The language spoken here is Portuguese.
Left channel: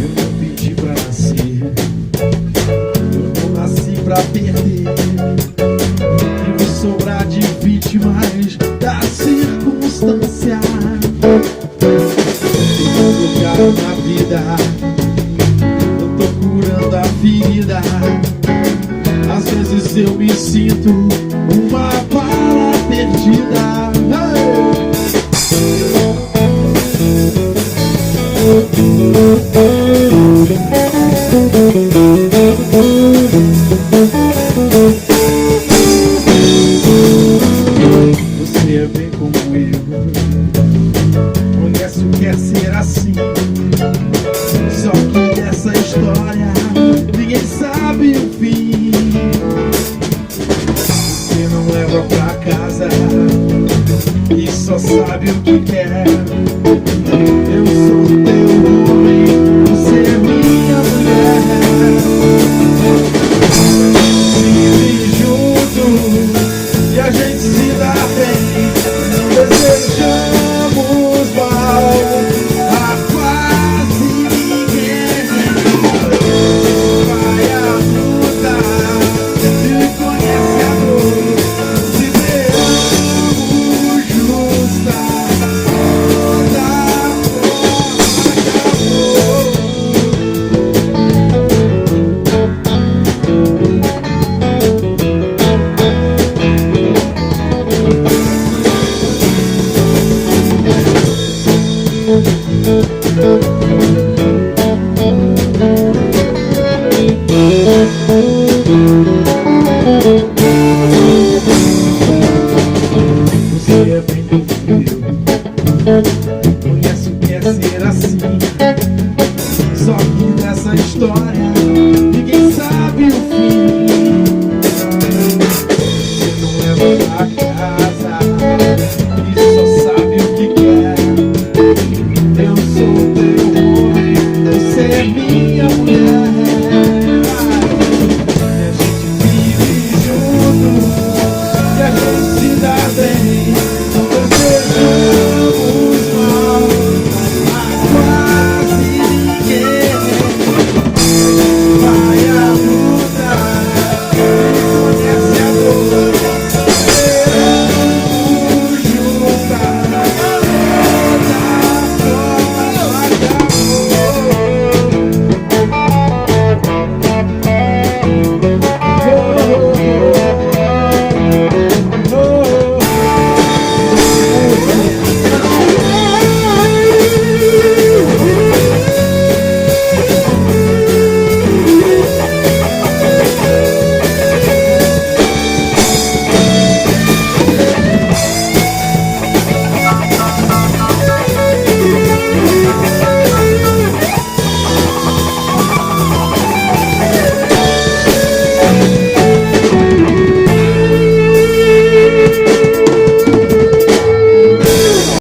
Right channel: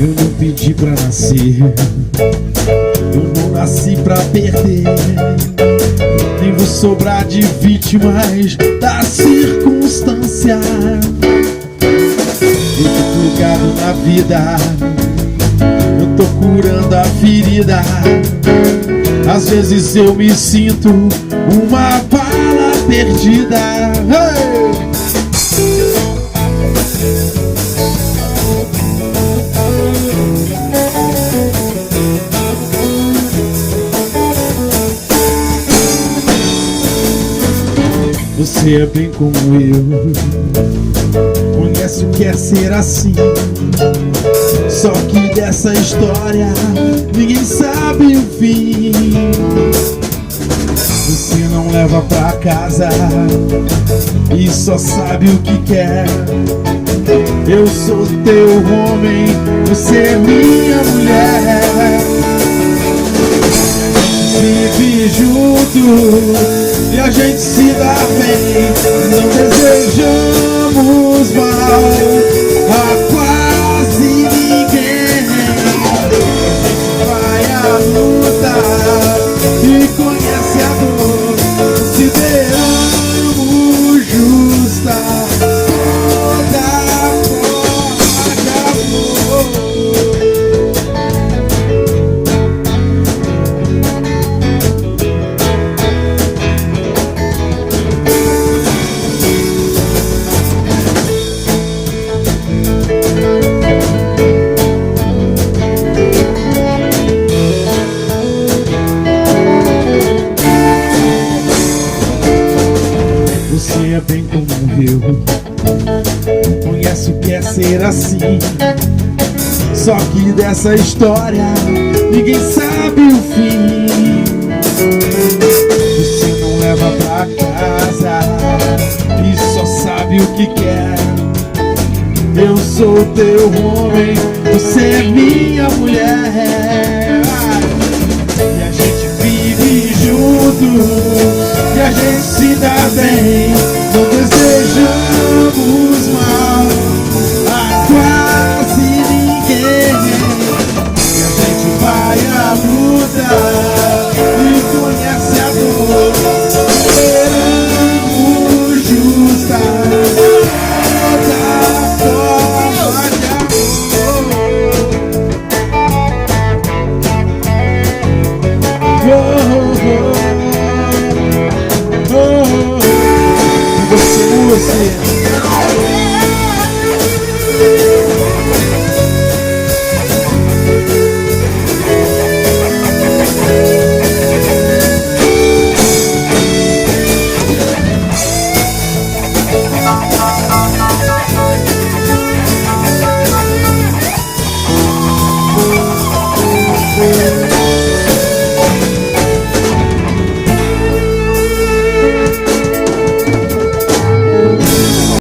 Eu não pedi pra nascer, eu não nasci pra perder. Nem vou sobrar de vítimas da circunstância. Todo lugar na vida eu tô curando a ferida. Às vezes eu me sinto uma bala perdida. Hey! Você é bem como eu, conhece o que é ser assim. Só que dessa história ninguém sabe o fim. Você não leva pra casa e só sabe o que quer. Eu sou teu homem, você é minha mulher. Vive junto e a gente se dá bem. Não desejamos mal a quase ninguém. Vai à luta e conhece a dor. Se derramos justa, toda forma acabou. Você é bem como eu, conhece o que é ser assim. Só que dessa história ninguém sabe o fim.